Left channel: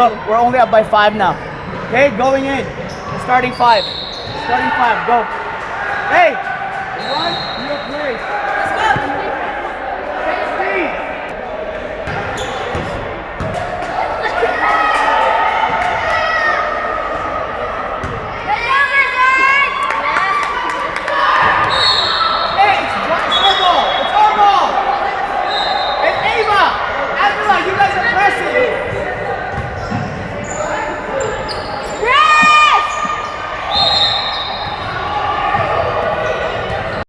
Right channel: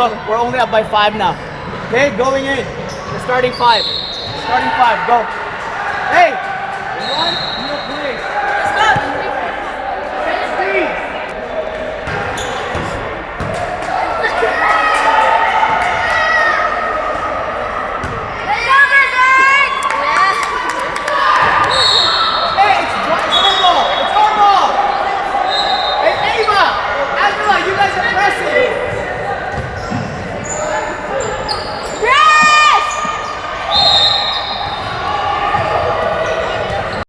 Look, we're only up by 5 now. Okay, going in. Starting 5. Starting 5. Go. Hey! Run, no play. Let's go! Speed! Hey, it's our ball. It's our ball. Hey, Ava! Angela, you guys are